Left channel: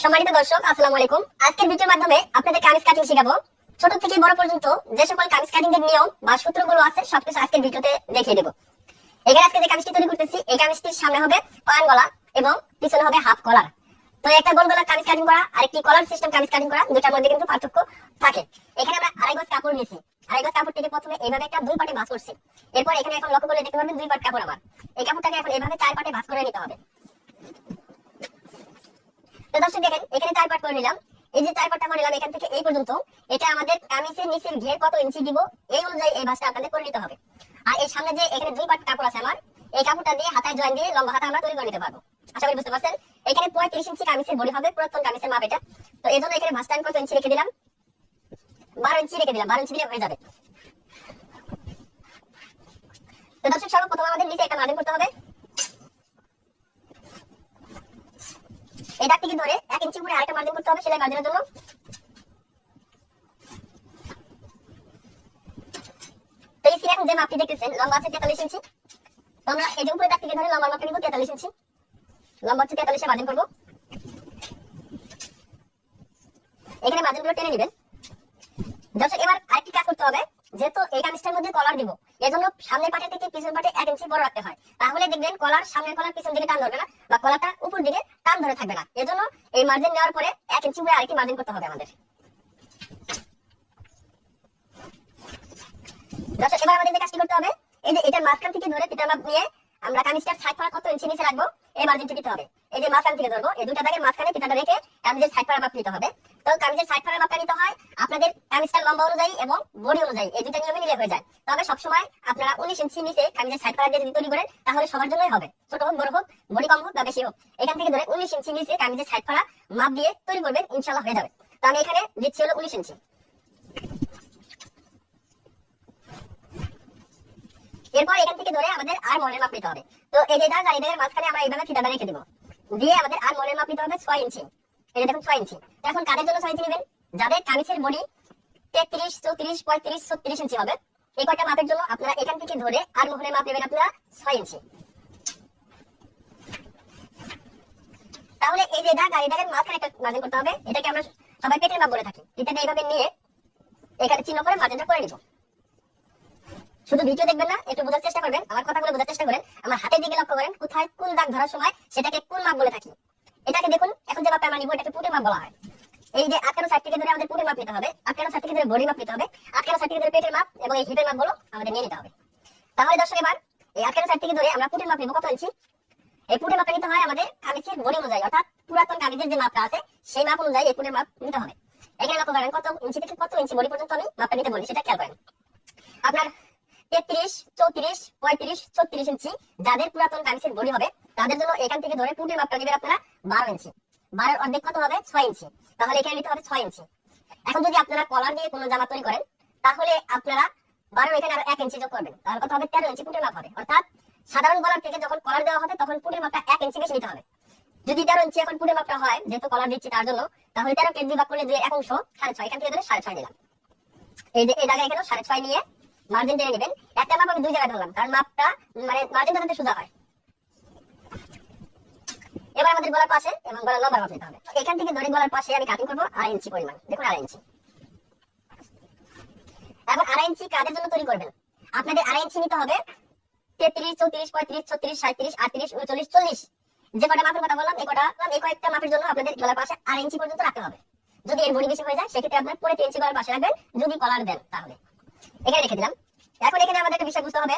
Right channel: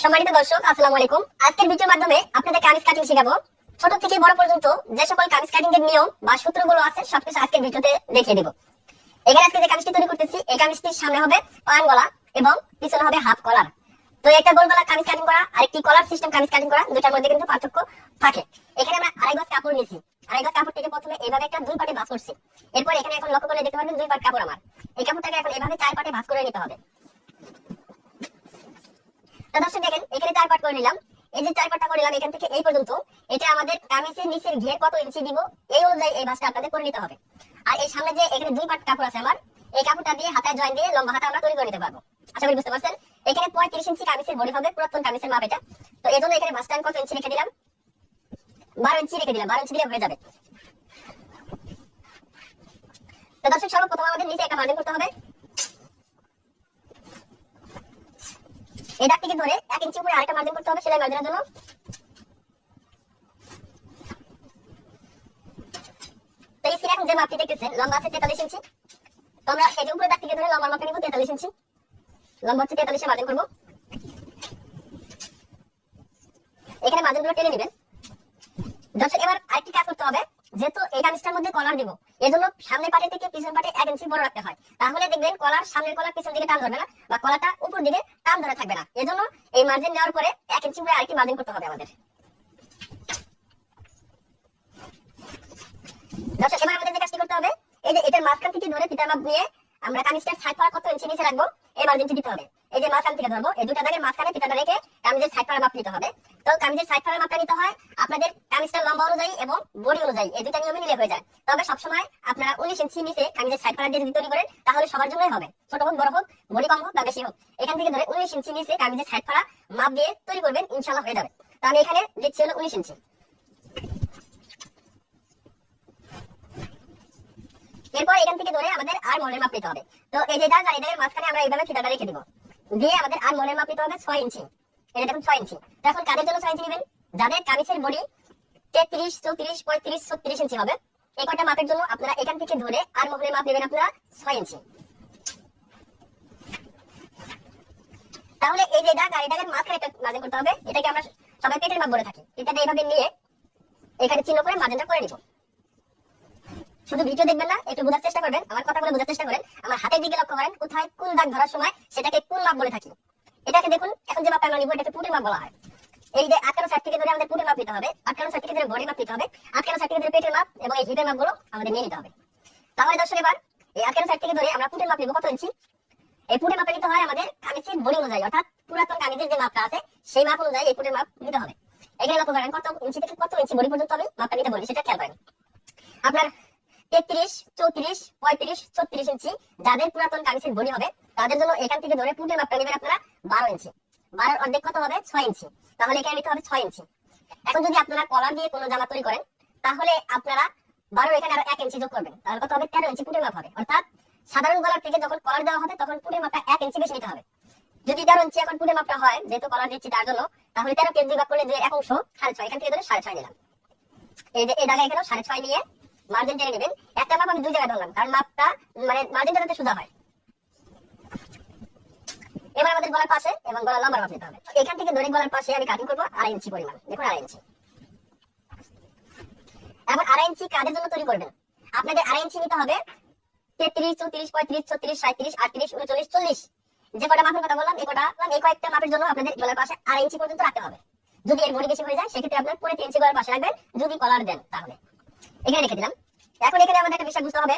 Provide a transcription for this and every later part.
সম্মানিত দর্শক, আসসালামু আলাইকুম। আজকের ভিডিওর মাধ্যমে আপনাদের কামিজ কাটিং শেখাবো। ছোট থেকে বড় পর্যন্ত যে সকল কামিজ কাটিং এর নিয়ম বা সূত্রগুলো আছে, সবকিছু আজকের ভিডিওতে দেখিয়ে দেবো। এখানে আজকে যে কামিজটি তৈরি করতেছি, এই কামিজটির সামনে হবে পান গলা এবং পিছনে হবে হাফ কলার তো একটা গোল গলা কামিজ কাটিং করা আর একটি কলার সিস্টেম কামিজ কাটিং করা দুটার মধ্যে কিন্তু পার্থক্য থাকে। এখানে আমরা আড়াই গজ কাপড় নিয়েছি। আড়াই গজ কাপড় থেকে প্রথমে এইভাবে একটা দুই পাটে ভাঁজ করছি। এরপর এখানে এখন লক্ষ্য করে দেখতে পারবেন দুই পাট কাপড় আমার। এই কাপড়টাকে এখন এইভাবে চার পাটে ভাঁজ করে নিতে হবে। তো দর্শক দেখেন, এখানে চার পাট করে নিলাম। এই যে চার পাটটা করে নিলাম, এখান থেকে এই পর্যন্ত, এটা আমাদের কামিজের নিচের ঘের কত ইঞ্চি দিব, এই অনুযায়ী এই ভাঁজটা আপনাদের করে নিতে হবে। আর এই সামনে যে এখানে দুই পাট কাপড় আছে আমার, এই কাপড়টা দিয়ে হাতায় জয়েন দিয়ে লম্বা হাতা আমরা তৈরি করে নিতে পারব। আশা করি বুঝতে পারছেন? এখানে পঁয়ত্রিশ ইঞ্চি কামিজের বডি হবে, পুরাতন কামিজের মাপ এটা। তো এই জন্য এখানে ভাঁজটা আমি কত ইঞ্চি রেখে দিলাম? বারো ইঞ্চি রেখে দিলাম, বারো ইঞ্চি দিয়ে হয়ে যাবে। তো দর্শক, সর্বপ্রথম আমাদের নিচে একটা মার্জিন করতে হবে। এই থেকে ধরে এক ইঞ্চি উপরে আরেকটা মার্জিন করতে হবে সেলাই মার্জিনের জন্য। তো এই সিরে এখন যে মাপটি দেখতেছেন, লম্বা আছে তেতাল্লিশ ইঞ্চি। তো আমরা এই যে উপরে দাগ থেকে ধরে লম্বা মাপটা নিব তেতাল্লিশ ইঞ্চি। লম্বা হচ্ছে তেতাল্লিশে মার্জিন করব। এখানে মার্জিনগুলো টেনে নেবেন। এবার আরেকটি কাজ করতে হবে। যেহেতু এই কামিজটার মধ্যে কলার দিব, এজন্য সামনের পাটে থেকে পিছন পাটে এক ইঞ্চি বড় রাখতে হয়। তাহলে দেখবেন কলার সামনের কলার পিছন দিকে টান ধরবে না, বা কলারটা উপর দিকে টান ধরে থাকবে না। এজন্য এই মার্জিন নেওয়ার পরে এক ইঞ্চি উপরে আরেকটি মার্জিন করতে হবে আমাদের। এবার আমাদের যে কাজটি করতে হবে, এই যে এটার মাঝখান থেকে ধরে পিতা মাপ নিয়ে আমরা কামিজটার সাইড পাড়া কত ইঞ্চি নিচে রাখব? এই মার্জিনটি দিতে হবে। এই যে মাঝখান থেকে ধরবো, এই দুটা দাগের মাঝখানে ফিতাটা রেখে কামিজের সাইড পাড়া মাপ নিতে হবে। তো কামিজের সাইড পাড়া মাপটা নিতে হয় আপনাদের কামিজটার লম্বা অনুযায়ী এবং বডি অনুযায়ী। এই দুটা নিয়মে মিলে হয়ে যায়। তবে সবসময় আপনারা উনিশ ইঞ্চি নিচে কামিজের সাইড পাড়া দিয়ে যদি তৈরি করেন, তাহলে সবার জন্যই হবে। ছোট হোক, বড় হোক, বডি কম হোক বা বেশি হোক, এখান থেকে ধরে উনিশ ইঞ্চি নিচে কামিজের সাইড পাড়া মাপ দিয়ে তৈরি করবেন ইনশাল্লাহ হয়ে যাবে। তো আমি এখানে দিচ্ছি হলো উনিশ ইঞ্চি এরপর এখান থেকে ধরে আমাদের আর মনের মাপ নিতে হবে। তো এই যে দাগ আর মাঝখানে আমরা এইভাবে ফিতাটা রেখে দিব। দিয়ে আমাদের আর মনের মাপ নিতে হবে ছয় ইঞ্চি। এটা দেখুন, ছয় ইঞ্চি। এখন কাদের জন্য ছয় ইঞ্চি নেবেন? যাদের কামিজের বডি তেত্রিশ, চৌত্রিশ, পঁয়ত্রিশ, ছত্রিশ ইঞ্চি হবে। এই কয়টা মাপের জন্য আপনারা এখান থেকে ধরে আর মহলের মাপ নেবেন আপনারা ছয় ইঞ্চি। তাহলে এই যে দাগ আর এই দাগের মাঝখানে একটা মার্জিন করতে হবে। এটাকে আমরা সবাই পেটের মাপ বলে থাকি। এটাকে এইভাবে নিয়ে এখানে চিহ্ন করে মার্জিনটা করে নিব। শুধু ভিডিও দেখবেন না, একটু বোঝার চেষ্টা করবেন। আমার কথাগুলো বোঝার চেষ্টা করেন, আমার হাতের দিকে লক্ষ্য করেন, কোথায় কোন দাগ ধরার সময় সেটাকে কোন মাপ বলে থাকি। এটাকে দেখুন, এখন যে মাপটা আমরা নিব, এটাকে পুটের মাপ বলা হয়। এই যে আটকানো সাইড থেকে ধরে আমাদের পুটের মাপ নিতে হবে, আটকানো সাইড থেকে ধরে বডি মাপ নিতে হবে, আটকানো সাইড থেকে ধরে পেটের মাপ এবং এই হিপের মাপগুলো আমাদের নিয়ে নিতে হবে। তাহলে দর্শক, এবার এই আটকানো সাইড থেকে ধরে আমরা পুটের মাপ নিব, কত ইঞ্চি? এই পুটের মাপটা নিতে হয় আমাদের কামিজের বডি অনুযায়ী, অর্থাৎ পুরাতন কামিজের যে মাপটা আছে, সেই মাপ অনুযায়ী এই পুটের মাপ নিতে হবে। এখানে লক্ষ্য করেন কত ইঞ্চি থেকে কত ইঞ্চি বডি পর্যন্ত আমি মাপটা নিতে বলি সেটা খেয়াল করেন। আপনার তেত্রিশ, চৌত্রিশ, পঁয়ত্রিশ, ছত্রিশ ইঞ্চি যাদের পুরাতন কামিজের বডি হবে, তাদের জন্য এখান থেকে ধরে পুটের মাপটা নেবেন আপনারা বারো ইঞ্চি বারোর অর্ধেক কত হবে? ছয় ইঞ্চি তাহলে এখানে নিতে হবে ছয় ইঞ্চি এখন যদি আপনারা কলার দিয়ে কোনো জামা তৈরি করেন, তাহলে আপনারা বারো এখানে আরও এক ইঞ্চি যোগ করবেন। তাহলে কত হবে? তেরো ইঞ্চি পুটের মাপ হবে। অর্থাৎ সাধারণ গলার থেকে যখন কলার দেওয়া হবে, তখন পুটের মাপটা এক ইঞ্চি বেশি নিতে হবে। যদি তেরো ইঞ্চি এখন পুটের মাপটা হয়, যেহেতু কলার দিচ্ছি তার জন্য, তাহলে তেরো কেজি ভাগ করলে যে এক অংশ, সাড়ে ছয়, এখান থেকে ধরে সাড়ে ছয় নিলাম। এই যে, এই জায়গায় এখানে সাড়ে ছয় নিয়ে মার্জিন টেনে নেবেন। একটা মাপ আমি দুই জায়গায় ধরলাম, কারণ মাপটা মানে মার্জিনটা যাতে সোজা হয়। এবার আমাদের গলার পাশে এবং গলার লম্বার মাপ নিতে হবে। এখান থেকে ধরে গলার পাশে আমি কাটিং করব আড়াই ইঞ্চি পরিমাণ। দেখুন আড়াই ইঞ্চি। এখন আড়াই ইঞ্চি কাদের জন্য তৈরি করবেন? আপনাদের আড়াই ইঞ্চি নিতে হবে তেত্রিশ, চৌত্রিশ, পঁয়ত্রিশ, ছত্রিশ সাঁত্রিশ আটত্রিশ, উনচল্লিশ, চল্লিশ। যে কটা মাপের কথা বললাম, এই কটা, এই কয়েকটা মাপের জন্য আপনাদের গলার পাশে আড়াই ইঞ্চি পর্যন্ত রাখতে হবে। যদি এর বড়ি বেশি হয়ে যায়, সেক্ষেত্রে আপনার পরে তিন ইঞ্চি গলার পাশে রাখবেন, যদি কলার দেন তাহলে। এখানে লিখে দিলাম। এখন এখানে আমাদের একটা বিষয় বুঝতে হবে,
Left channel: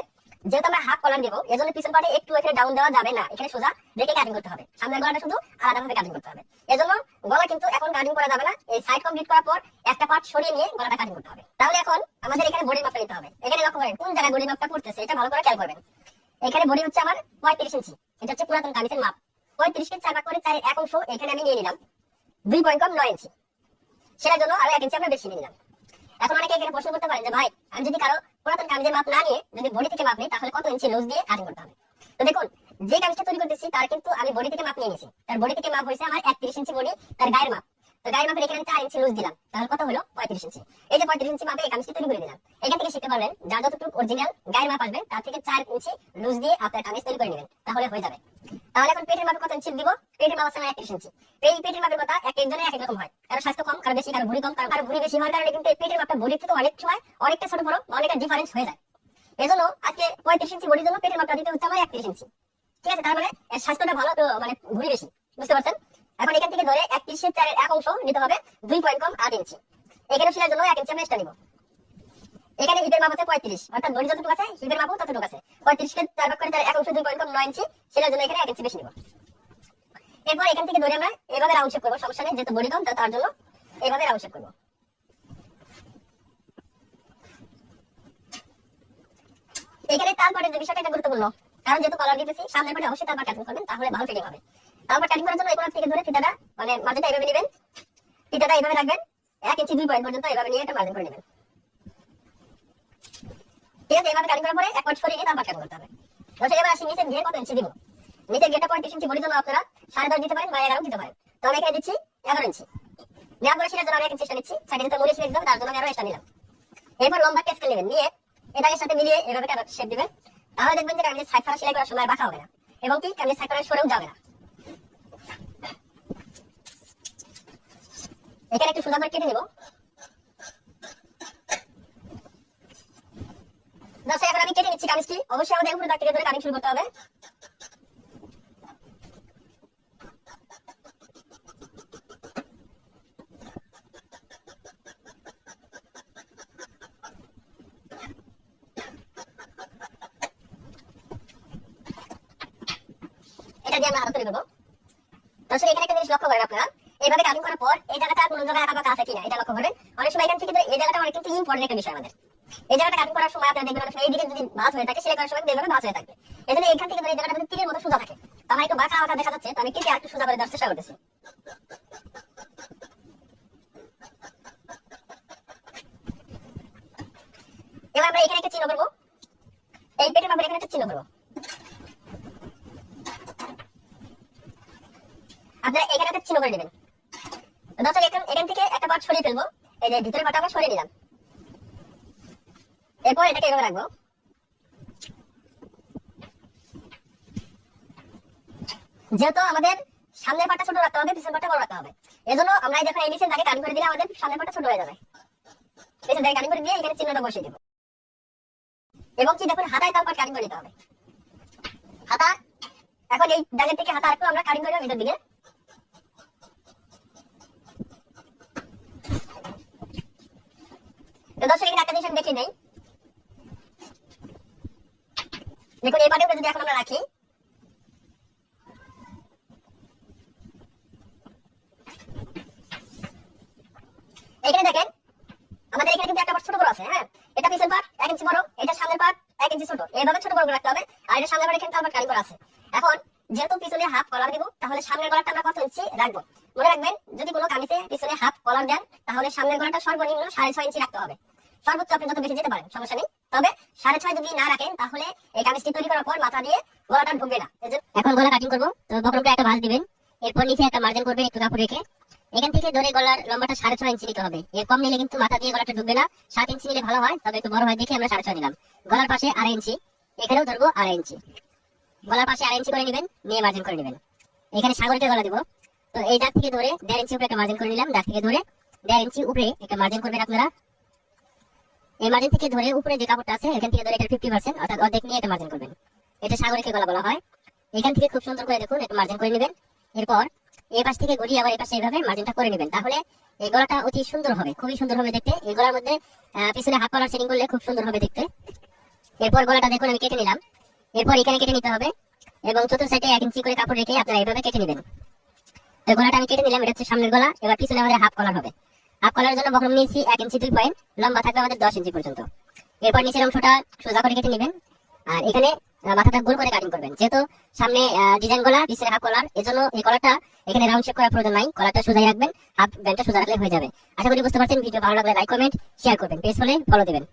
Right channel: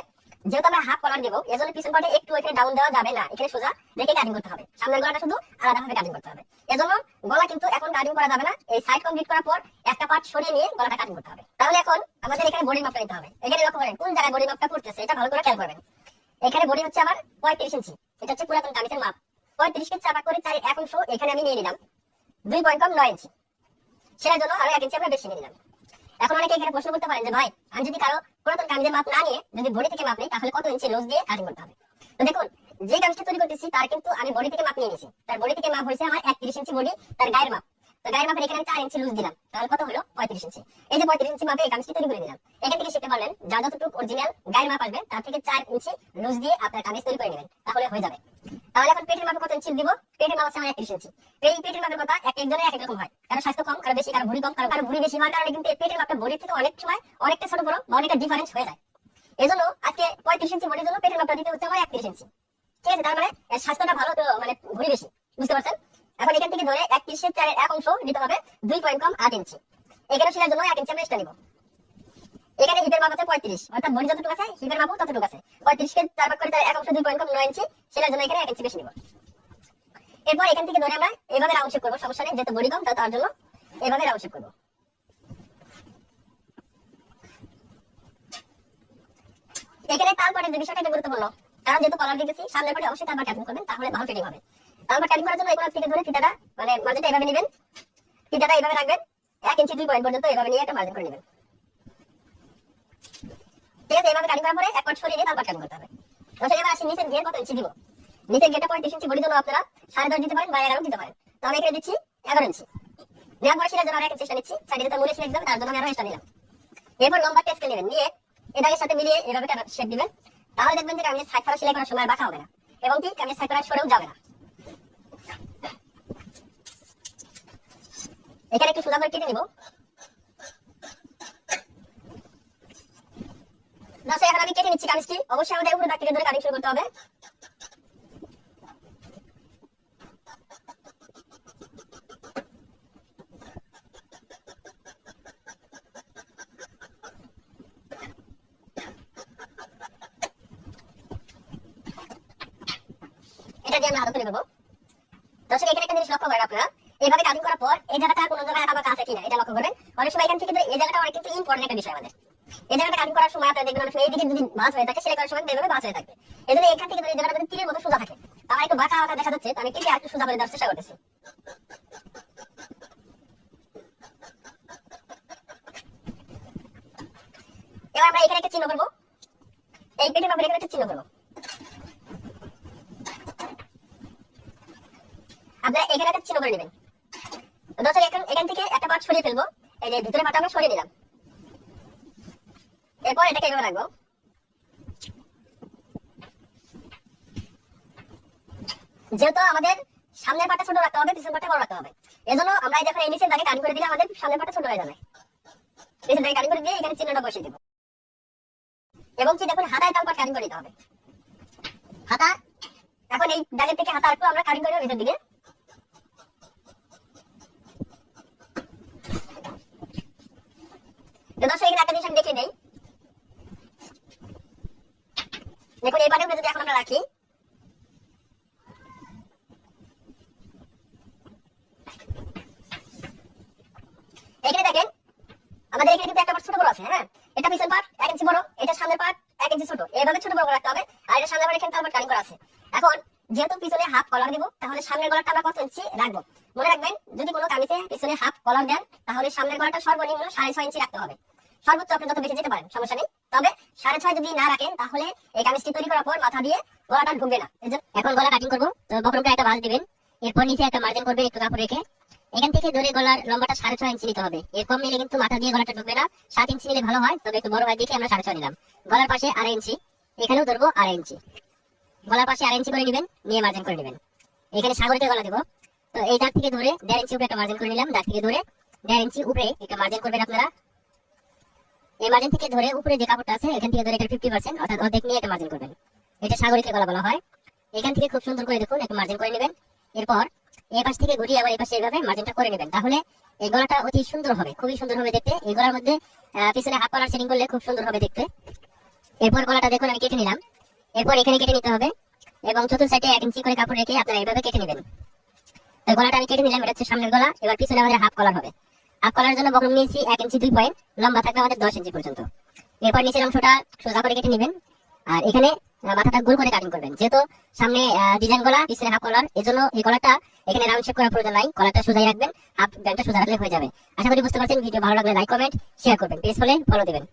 যেহেতু আমরা হাফ কলার দেবো এজন্য পিছন পাটে একটু এখানে ডাউন দেওয়া যাবে না। এখানে সোজা রেখে কাটিং করতে হবে। সামনের গলাটা শুধু আলাদাভাবে কাটিং করতে হবে। এজন্য গলা কিন্তু এখন কাটিং করা যাবে না। এই সাইড কমপ্লিট করার পর একটা পার্ট সরিয়ে নিয়ে গলাটা কাটিং করতে হবে। তাহলে এখন আমাদের এখানে বডি মাপটা নিতে হবে। এখানে লক্ষ্য করেন, কোন জায়গায় বডি মাপটা পড়তেছে, এটা ভালো করে খেয়াল করবেন। এখানে বডি হচ্ছে আমার পঁয়ত্রিশ ইঞ্চি। এটা হচ্ছে পুরাতন কামিজের মাপ পঁয়ত্রিশকে চাপা করে চারের এক অংশ এখানে আমি নিয়ে নিলাম। দুই পয়েন্ট কম নয় ইঞ্চি। সেটার জন্য আরও এক ইঞ্চি আমরা বেশি নিয়ে নিলাম। এখন অনেকে এখানে প্রশ্ন করতে পারেন যে, ভাই, আমি যদি কারও পুরাতন কামিজের মাপ না নিয়ে যদি বডি থেকে মাপ নিই, তাহলে কত ইঞ্চি লুজ দিয়ে কাটিং করতে হবে? তো দেখুন, যে কামিজটা তৈরি করতেছি, তার কিন্তু আমি বডি থেকে মাপ নিয়ে নিয়েছি। তার বডি থেকে মাপ হয়েছে আমার একত্রিশ ইঞ্চি বডি তার গায়ের মাপ। তো গায়ের মাপের এখানে চার ইঞ্চি লুজ দিলাম। তাহলে কত হলো? পঁয়ত্রিশ ইঞ্চি এই যে পঁয়ত্রিশ ইঞ্চি মাপে এই তৈরি করে দিলাম। এখান থেকে শিখতে পারলেন যার যতটুকু অরিজিনাল গায়ের মাপ আসবে, তার থেকে চার ইঞ্চি লুজ দিয়ে আপনার কামিজ তৈরি করে নেবেন। তাহলে হয়ে যাবে। তাহলে এখন পেটের মাপে কত ইঞ্চি দিব? পেটের মাপ আছে আমার একত্রিশ ইঞ্চি এই পেটের মাপের কথা এক একজনের এক এক রকম হয়। কারও স্বাস্থ্য কম, কারও বেশি, কারও ভুড়ি কম, কারও ভুড়ি বেশি হওয়ার কারণে কিন্তু এই পেটের মাপটা বডির থেকে অনেক সময় অনেকটা ছোট বড় বা অনেকটা ডিফারেন্স হয়ে যায়। এজন্য আজকে পঁয়ত্রিশ ইঞ্চি বডির জন্য পেটের মাপটা দিতে হচ্ছে আমার একত্রিশ ইঞ্চি ঠিক আছে? তার মানে স্বাস্থ্যটা ভালো, তো মানে ভুড়ি বেশি। বুঝতে পারছেন? এখন এখান থেকে ধরে একত্রিশের চারের এক অংশ নিতে হবে দুই পয়েন্ট কম আট ইঞ্চি এখানে জন্য এক ইঞ্চি আমরা এক্সট্রা এখানে হিপের মাপ আছে পঁয়ত্রিশ। অর্থাৎ যতটুকু আছে হিপের মাপও ততটুকু আছে। পঁয়ত্রিশকে চার ভাগ করে তার এক অংশ দুই পয়েন্ট কম নয় ইঞ্চি জন্য এখানে এক ইঞ্চি বেশি নিব। এরপর এখান থেকে ধরে আমরা এভাবে রাউন্ড করব, সমস্যা নেই কম তার জন্য এভাবে করব। এখানে তাল পাটের যে বিষয়টা গুরুত্বপূর্ণ, কারণ যেহেতু কলার দিতেছি সামনের পাটে অবশ্যই তালপাট কাটিং করবেন, তাহলে ভালো ফিটিং হবে। তালপাট কাটিং করার জন্য এগুলো থেকে ধরে ফিতাটা মানে মাঝেটা এভাবে নেবেন। ফিতাটা এভাবে রাখবেন, এক ইঞ্চি দুই পয়েন্ট পর্যন্ত এভাবে নিয়ে একটা মার্জিন করে নেবেন। ঠিক আছে, এভাবে কাটিং করার পরে এক পাট সরিয়ে নিয়ে তালপাট কাটিং করতে হবে। দশের এবার আসি, নিচের গিয়ে কত ইঞ্চি দিব? নিচের গেটে পঁয়ত্রিশ ইঞ্চি বডি জন্য আপনারা সাড়ে দশ দিতে পারেন বা এগারো দিতে পারেন। তো আমি এখানে দিচ্ছি এগারো ইঞ্চি নেওয়ার পরে সেটার জন্য আমি এক ইঞ্চি নিচ্ছি সাইডে যেতে মুড়ে সিলেক্ট তার জন্য আমি এক্সট্রা নিলাম। এরপর লম্বা টেস্ট নেবেন, নিয়ে এটাকে সাথে মিলিয়ে এভাবে শেপ দিবেন। তাহলে দেখবেন যে কামিজের সাইড ফাড়া সেলাই করার সময় বাঁকা হবে না, এবং কি কামিজের সাইড ফাড়া সরেও যাবে না। এখানে একটু সোজা করে কেটে নেব। দর্শক এখন আমি কেটে নিচ্ছি কামিজটি। অবশ্যই আমাদের উপরে দাগ থেকে ধরে কাটিং শুরু করতে হবে। এটা দিয়ে আমরা হাতে তুলে দেবো দর্শক, এখানে একটা জিনিস লক্ষ্য করেন আপনারা। এইভাবে কাটিং করার পর এই জায়গাটা কোনো জায়গায় আঁকা বাঁকা আছে কিনা, এটা লক্ষ্য করবেন। অনেক সময় এখান থেকে এই জায়গাটা অনেক কিন্তু ইম্পর্টেন্ট একটা বিষয় আমাদের। এই জায়গাটা করার সময় আপনারা দেখবেন যদি হয়ে থাকে, সেলাই করার সময় এভাবে হয়ে থাকবে এই জন্য এখান থেকে এই জায়গাটা তীরের মতো সোজা থাকে একটু বাঁকা বাঁকা দেখা যাচ্ছে একটু সোজা করে দেওয়ার চেষ্টা এবার আমরা এখানে একটা চিহ্ন করব। এই পেটের এখানে একটা চিহ্ন করব। আপনারা এখানে একটা চিহ্ন করে নেবেন। দর্শক এখান এখান থেকে একটা পার্ট সরিয়ে ফেলব। এই যে ভিতরে পার্টটা আমরা সরিয়ে নিলাম। এরপর এটাকে এভাবে রাখব। যেহেতু আমাদের সামনের পাটটা ছোট রাখতে হবে পিছনের পাটটা বড় রাখতে হবে। এজন্য আমরা যখন এই নিচের দাগে কাটিং করে দিলে আমাদের সামনের পাটটা ছোট হয়ে যাবে। নিচের দাগে কাটিং করে দিয়ে এখানে চিহ্নটা বসিয়ে দেবো। এবং কি দেখুন, হাতায় তাল কাটিং করে দিতে হবে। হাতা, এখন এই দাগের থেকে হাতা একটু আমরা কাটিং করে ভিতর দিকে তো দর্শক এখানে একটা জিনিস আমি দেখে নেই দেখুন এই পাটের যদি এখন আমরা রাখি এখানে দেখেন আমাদের এখানে কিন্তু একটা পার্ট ছোট বড় আছে হ্যাঁ এটা পিছন পার্ট এক ইঞ্চি বড়, এটা সামনের পার্ট এক ইঞ্চি ছোট। এইভাবে ছোট বড় রাখতে হবে, আর এটা সামনের পার্ট এখানে তারপর কাটিং করা আছে। এখন, যেহেতু পিছনে হাফ কলার দিব, তাহলে সামনের গলাটা আমরা কত ইঞ্চি রাখব। মনে রাখবেন, যদি কোনো কামিজে পিছনে হাফ কলার দেন, তাহলে সামনের গলাটা সর্বনিম্ন সাড়ে ছয় ইঞ্চি রাখতে হবে। সর্বোচ্চ আপনি যত বেশি যেতে পারেন, সমস্যা নেই। তবে সাড়ে ছয় যদি না রাখেন, তাহলে এই কামিজটি তৈরি করার পর মাথা দিয়ে গলাটা ঢুকবে না। এখন গলা কাটিং করব, তো বকরমটা একটা ভাঁজ দিবেন। এরপর নিচে একটা মার্জিন করবেন একটু কাপড় রেখে। এখান থেকে ধরে গলার লম্বাটা সাড়ে ছয় ইঞ্চি নিতে হবে। এর কম নিলে কিন্তু মাথা দিয়ে গলাটা ঢুকবে না। সাত ইঞ্চি নিলে ভালো হয়, তবে একটু বড় হয় দেখে আমরা সাড়ে ছয় নিলাম। গলার পাশে আড়াই ইঞ্চি, এখানেও ধরবো আড়াই ইঞ্চি। গলার পাশে আড়াই ইঞ্চি করে নেবেন, নিয়ে মার্জিন করে নেবেন। এখানে সাগরিতে গলা দিব। তো এই দাগ থেকে ধরে দেড় ইঞ্চি উপরে একটা মার্জিন করে নিলাম, দাগ থেকে ধরে দেড় ইঞ্চি উপরে একটা মার্জিন করবেন আপনারা। এই মার্জিন থেকে ধরে উপরে যে কাপড়টা আছে, এখান থেকে ধরে এটা ফিফটি পার্সেন্ট অর্থাৎ অর্ধেক নিয়ে একটা মার্জিন করবেন। এটা সাগরিকে গলা বলা হয়। এখান থেকে খুব সুন্দর করে দেখুন, একটু মার্জিন করে নেবেন। এরপর এই পাশ থেকে ঘুরিয়ে আবার এই পাশে এইভাবে মার্জিনটা করে নেবেন। তাহলে এই গলাটা অতি সুন্দর হবে, খুবই সুন্দর হবে দেখতে। এই গলার মধ্যে পিছনে হাফ কলার সেটিং করলে খুব সুন্দর হবে দেখতে। এরপর গলাটা দেখুন, আমি কেটে নিলাম। এরপর এখানে কেটে নিতে হবে এবং চতুর্থ সাইডে এক ইঞ্চি করে কাপড় রেখে আপনারা এইভাবে কেটে নেবেন। গলাটা আমি কেটে নিলাম, এটা হচ্ছে সামনের গলা। এবার পিছনে আমাদের হাফ কলার হবে। হাফ কলারের জন্য বকরম নিয়েছি এক ইঞ্চি দুই পয়েন্ট লম্বা থাকবে আমাদের দশ ইঞ্চি পর্যন্ত। এরপর নিচের অংশটা সোজা করে কেটে নেবেন। আর এখানে মাথাটা গোল করে কাটিং করবেন। যেহেতু সামনে ডিজাইন গলা পিছনে হাফ কলার এই জন্য এই কলারটা এখানে রাউন্ড শেপ করার প্রয়োজন নাই। কলারটা সোজাই রাখবেন হাফ ব্যান্ডটা সোজা রাখলে হয়ে যাবে। আশা করি বুঝতে পারছেন। ভিডিও ভালো লাগলে লাইক কমেন্ট শেয়ার করবেন। পেজ হলে ফলো দিবেন।